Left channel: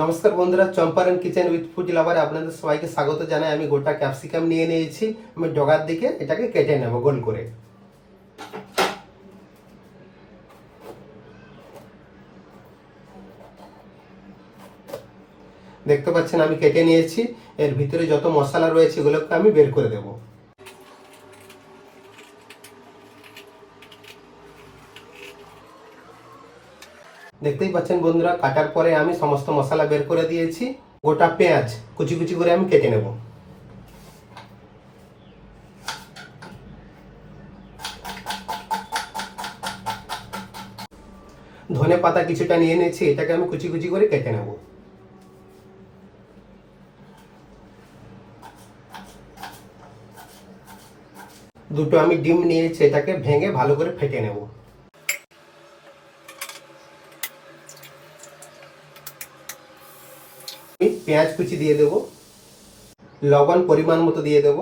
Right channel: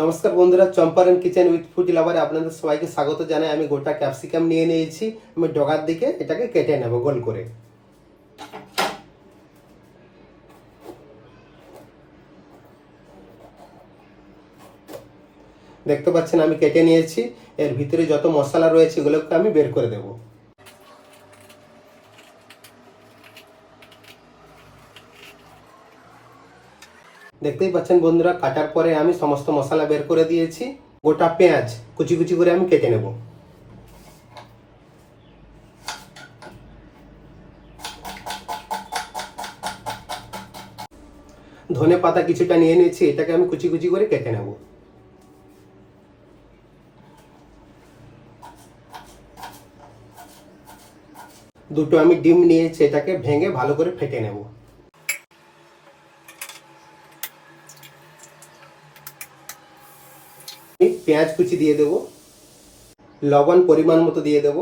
নমস্কার বন্ধুরা, Champaran kitchen with food লাভারে আপনাদের সবাইকে স্বাগত জানাই। আমি গোটা ক্যাপসিকাম নিয়ে নিয়েছি। আমি ডগার দিকে এটাকে কেটে নেব গোল করে। দেখতে পাচ্ছেন আমি কেটে নিয়েছি। এর ভিতরে যত মশলা রয়েছে এগুলোকে আমি বের করে দেব। দেখতেই পাচ্ছেন বন্ধুরা, কাটার পরে আমি সমস্ত মশলা বের করে দিয়েছি। গোটা পেঁয়াজ কুচি কুচি করে আমি কেটে নেব। ধনে পাতা কিছুটা নিয়ে নিয়েছি, এটাকে আমি কুচি কুচি করে কেটে নেব। দুটো আমি ডিম নিয়েছি, এটাকে ভেঙে ভালো করে ফেটে নেব। পেঁয়াজ কুচি দিয়ে দেব, লবণ পরিমাণ মতো দিয়ে দেব।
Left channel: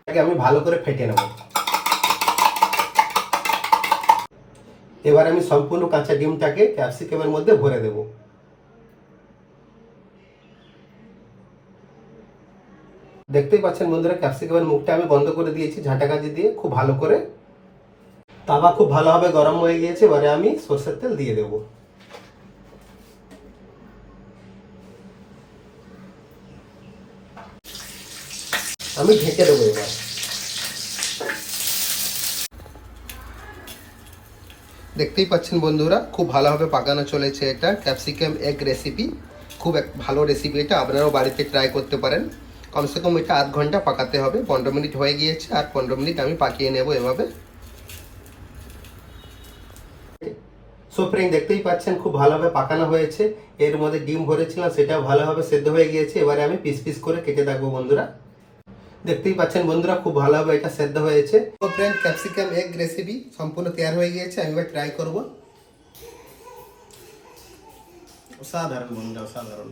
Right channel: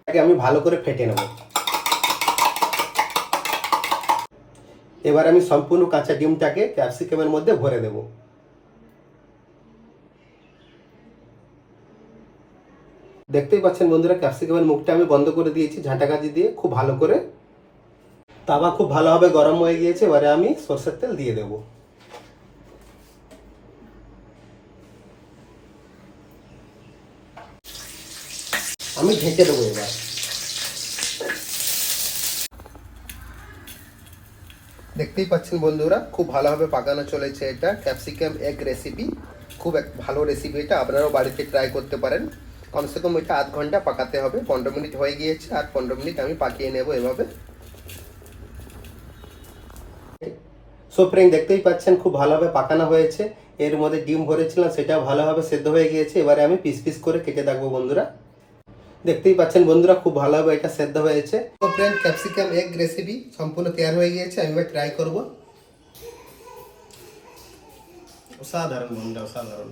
এটাকে আমি ভালো করে ফেটে নেব। এবার আমি সম্পূর্ণ কাঁচা ডিমটাকে ক্যাপসিকামের মধ্যে ভরে দেব। দেখতেই পাচ্ছেন বন্ধুরা, ক্যাপসিকামের মুখটা আমি বন্ধ করে দিয়েছি ঝাঁটা কাঁচি দিয়ে খুব ভালো করে। তাওয়া খুব ভালোভাবে গরম হয়ে গিয়েছে। এবারে আমি সরষের তেল দিয়ে দেব। আমি ঢেকে দেবো। এবার দেখতেই পাচ্ছেন বন্ধুরা, খুব ভালোভাবে পাকানো চলেছে। এটা ক্যাপসিকাম এগ রেসিপি, খুব এক ভালো রেসিপি। এটা আপনারাও বাড়িতে ট্রাই করতে পারেন। কমসে কম এটা আধ ঘন্টা পাকাতে হবে। 15 মিনিট হয়ে গিয়েছে, আর 15 মিনিট আমি পাকিয়ে নেব এভাবে। সো ফ্রেন্ড, দেখতেই পাচ্ছেন খুব ভালোভাবে পাকানো হয়েছে। এর মধ্যে ডিম ভরেছিলাম, সেটা ভালোভাবে সেদ্ধ হয়ে গিয়েছে। এবারে আমি পিস পিস করে কেটে রাখবো বন্ধুরা। দেখতেই পাচ্ছেন বন্ধুরা, খুব ভালোভাবে এটা সেদ্ধ হয়েছে। তো ফ্রেন্ড, ক্যাপসিকাম এগ রেসিপি সম্পূর্ণ তৈরি হয়ে গিয়েছে। আমি এবার ট্রাই করব। অসাধারণ বন্ধুরা, অসাধারণ।